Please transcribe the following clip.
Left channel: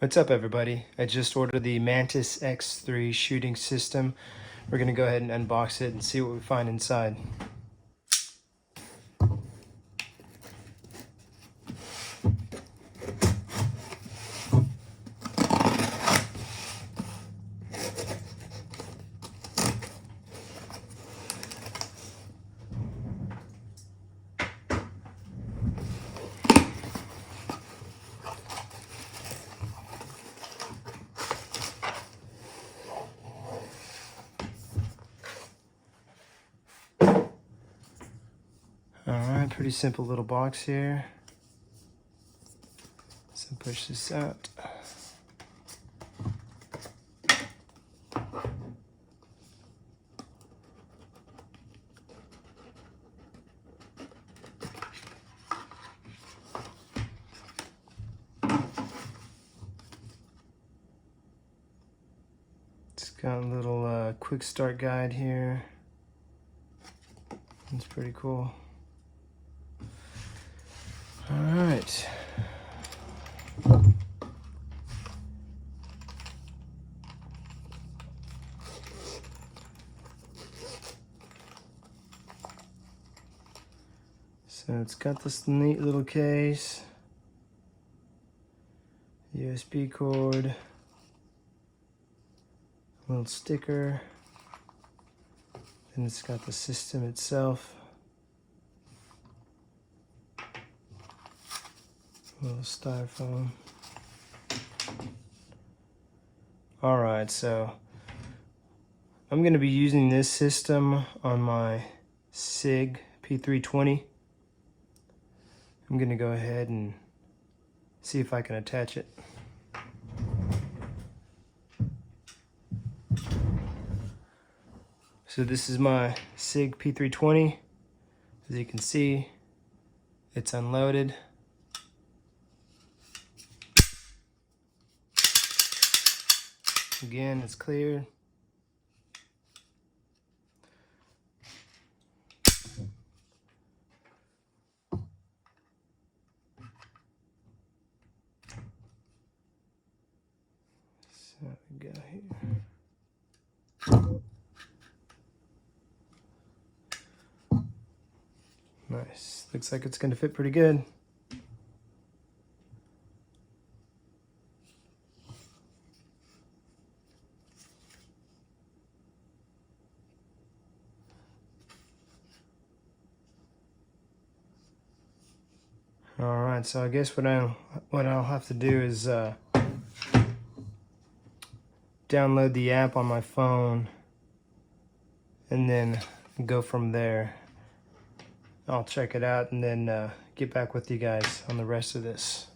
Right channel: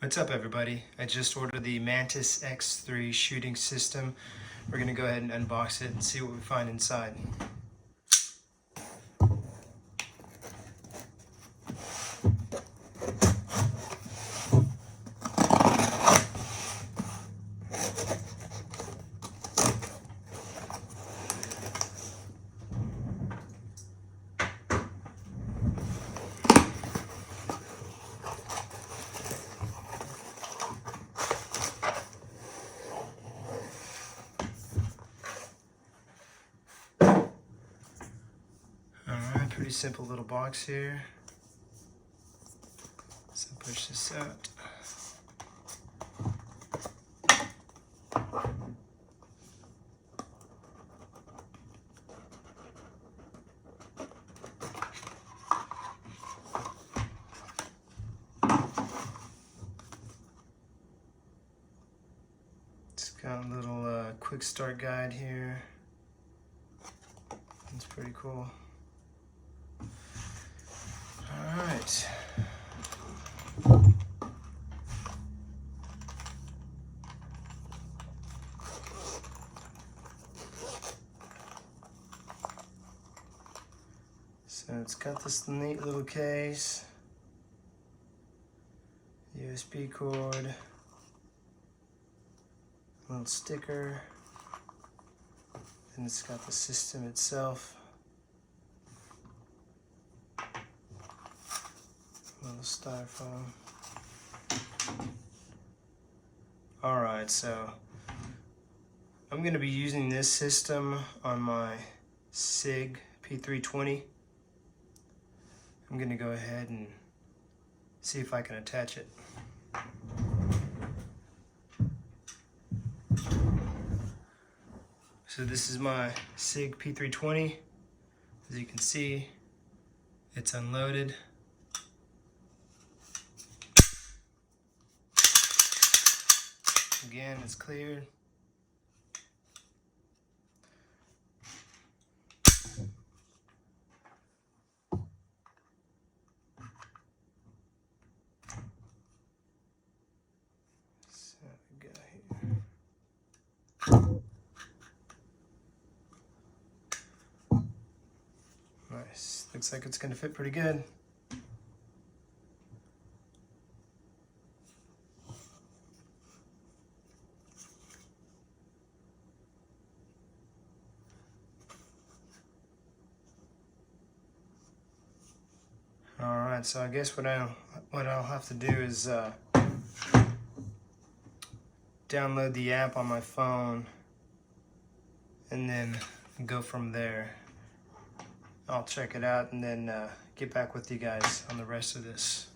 What's up, everybody? I just ordered the Mantis X3 shooting system. We're gonna go ahead and unbox it and see what we find inside. Alright, pretty simple little box here. So push this out. It's got a little quick start guide here. It's pretty cool. All right. So it's got this neat little case, USB cord, little sticker, and it's got the system itself. Little styrofoam. All right, so I'm going to be using this system on my SIG P320. I'm going to go ahead and see if I can attach it. So this is my SIG P320. As you can see, it's unloaded. Again, it's clear. So we go here. Nice. Looks like it's going to fit pretty good. Alright, so I guess what I'll have to do is download the app on my phone and then go from there. I'll check it out and then get back with you guys on the rest of this.